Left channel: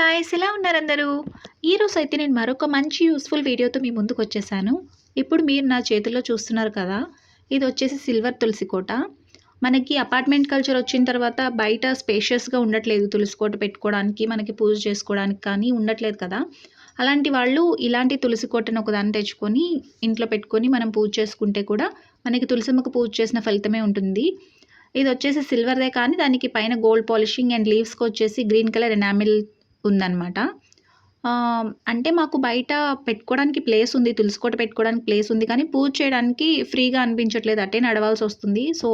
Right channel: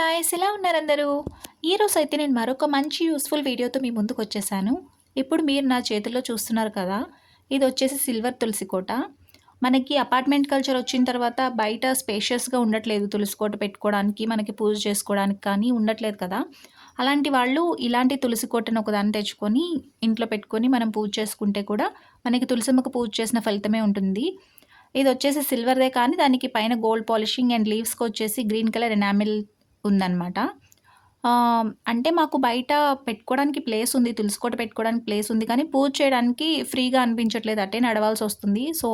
Guys ఎలా ఉన్నారు అందరూ? ఈరోజు అయితే నేను మరొక మంచి యూస్ఫుల్ వీడియోతో మీ ముందుకు వచ్చేసాను ఇప్పుడు మీరు నా చేతుల్లో చూస్తున్నారు కదా ఇది వచ్చేసి సిల్వర్ తులసి కోట. మనకి అపార్ట్మెంట్ కల్చర్ వచ్చిన తర్వాత బయట స్పేషియస్గా ఉండట్లేదు తులసి కోట పెట్టుకోవడానికి మనకి పూజ చేసుకోవడానికి కానీ ఉండట్లేదు కదా. అలాంటి వాళ్ళు ఇలాంటి తులసి కోటను ఒకదాన్ని తెచ్చుకొని ఇంట్లో పెట్టుకొని మనం పూజ చేసుకుంటే కూడా మనకి తులసిమ్మకు పూజ చేసిన ఫలితమే ఉంటుంది. ఇది వచ్చేసి సిల్వర్దే కానీ దానికి పైన గోల్డ్ పాలిషింగ్ అండ్ లీవ్స్కి వచ్చేసి గ్రీన్ కలర్ ఎనామిల్ ఉందన్నమాట. అంటే మాకు బయట పెట్టుకోవడానికి ప్లేస్ ఉంది తులసికోట పెట్టుకోవడానికి ప్లేస్ ఉంది కానీ పూజ చేయడానికి ఫ్రీగా అనిపించట్లేదు. అట్టే నడవాల్సి వస్తుంది. సో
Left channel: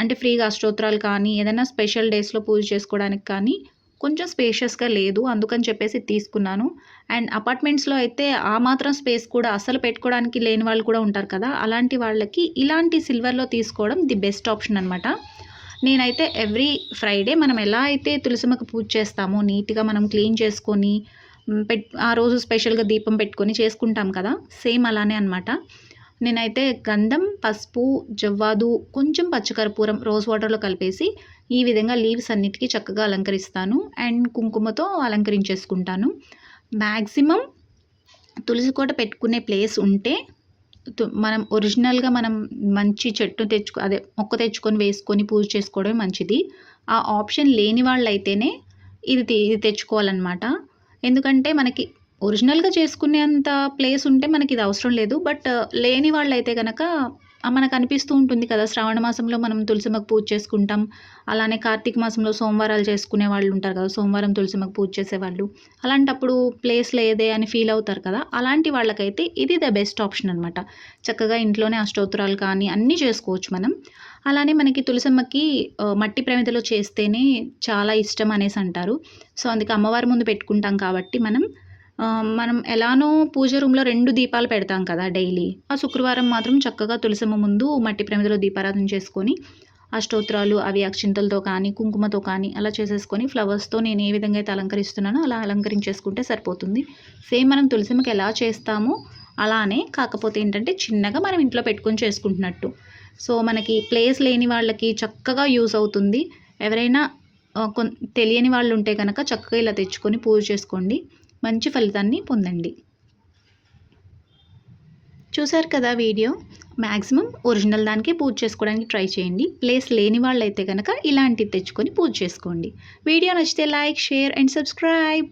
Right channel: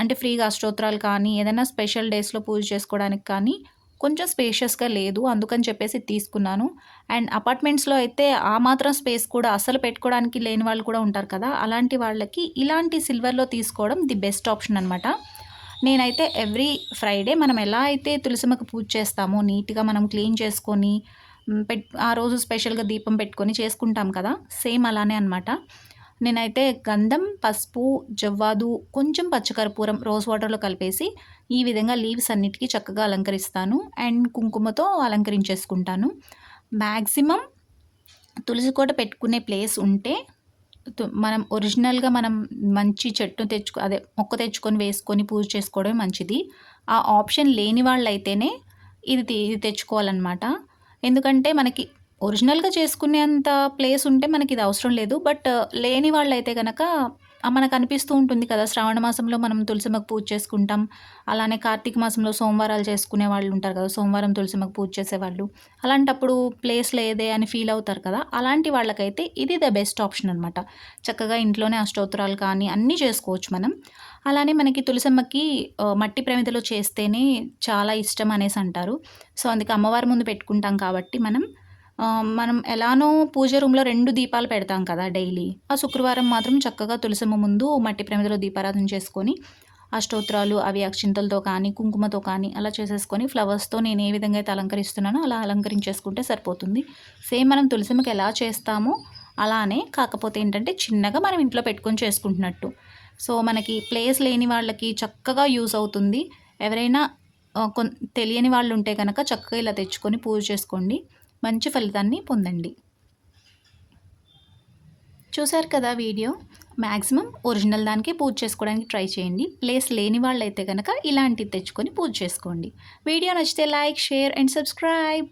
అంటే ఫ్రీగా అష్టోత్తరాలు కానీ ఏదైనా స్పెషల్ డేస్లో పూజ చేసుకోవడానికి కానీ కొంచెం స్పేషియస్గా లేదు. అందుకని చెప్పేసి తీసుకున్నాను. అండ్ అపార్ట్మెంట్స్లో అయితే ఆ మాత్రం స్పేస్ కూడా అసలు పెట్టుకోవడానికి లేని వాళ్ళు కూడా ఉంటారు కదా. అలాంటి వాళ్ళకి ఇలాంటి సిల్వర్లో తీసుకోవడం ది బెస్ట్ ఆప్షన్ అనమాట నేనైతే ఎవ్రీ ఫ్రైడే మనం ఎలా అయితే తులసిమ్మకు పూజ చేస్తామో నీట్గా మనం క్లీన్ చేసుకొని పెట్ ఆ రోజు స్పెషల్గా దీపం పెట్టుకొని చేసుకుంటాం కదా సేమ్ అలానే అనమాట నేనైతే గంధం పసుపు జవ్వాదు కొంచెం పచ్చకర్పూరం రోజ్ వాటర్లో కలిపేసి ఈ విధంగా లీవ్స్ అన్నిటికీ చక్కగా అలంకరిస్తాను. అండ్ కుంకుమతో అలంకరించేసుకుంటాను. మ్యాక్సిమం తులసి కోట పెట్టుకునే ప్లేస్ ఉంటే మనం ఒరిజినల్గా మనం మంచి చెట్టు తెచ్చుకో అదే మొక్క తెచ్చుకొని వేసుకొని పూజ చేసుకోవడమే మంచిది. ఆ ఆప్షన్ లేని వాళ్ళైతేనే ఇది ఇది తెచ్చుకోవాలన్నమాట. ఎందుకంటే మనకి ఒరిజినల్గా చేసుకునేంత ప్లేస్ ఉంటే మనకి ఇది అవసరం లేదు. బట్ లేని వాళ్ళైతే కనుక మనకు అనిపిస్తూ ఉంటుంది కదా శ్రావణ మాసంలో మనం తులసిమ్మకు పూజ చేసుకుంటాం. అలానే కార్తీక మాసంలో సోమవారాలు చేసుకునే వాళ్ళు ఉంటారు కదా సోమవారం తులసిమ్మకు పూజ చేసేవాళ్ళు అలాంటప్పుడు ప్లేస్ లేదే అని ఫీల్ అవుతారు కదా అలాంటి వాళ్ళకైతే ఇది ద బెస్ట్ ఆప్షన్ అనమాట చక్కగా ఇంట్లోనే అష్టోత్తరాలు కానీ అన్నీ చేసుకోవచ్చు మనం. అలానే మనకి తులసమ్మకి మట్టి ప్రమిదలో చేస్తేనే చాలా ఇష్టం అనేసి అంటారు. సో అందుకే అమ్మవారి ముందు పెట్టుకుంటాం కాబట్టి మనం మనం ఎలానో పూజ రూమ్లో రెండు దీపాలు పెడతాం కదా డైలీ. ఆ శుక్రవారం మాత్రం చక్కగా తులసమ్మ ముందు మట్టి ప్రమిదలో దీపారాధన చేసుకొని అష్టోత్రాలు అవి అక్షింతలతో కానీ కుంకుమతో కానీ అలా చేసేసుకొని ఫ్లవర్స్తో నేను ఏ విధంగా అయితే అలంకరిస్తున్నానో అలా అలంకరించేసుకుంటే సరిపోతుంది. సేమ్ మనం తులసిమ్మకి ఎలా చేస్తామో అలానే కాకపోతే ఏంటంటే చిన్నగా మనం ఇంట్లో పెట్టుకొని చేసుకుంటున్నట్టు. సో మనకి ప్లేస్ లేని వాళ్ళకి చక్కగా యూస్ అవుతుంది. ఎవరైనా కొన్ తెలియని వాళ్ళు ఉంటే కనుక చక్కగా ఇలా తెచ్చుకొని పూజ చేసుకోండి. మంచి ఫలితాన్ని పొందండి. చూశారు కదా వీడియో? మ్యాక్సిమం ఒరిజినల్ దానికే పూజ చేసుకోవడానికి ట్రై చేయండి. ప్లేస్ లేని వాళ్ళైతే కనుక ఇలాంటివి తెచ్చుకొని పూజ చేసుకోండి. వీడియో నచ్చితే లైక్ షేర్ అండ్ సబ్స్క్రైబ్.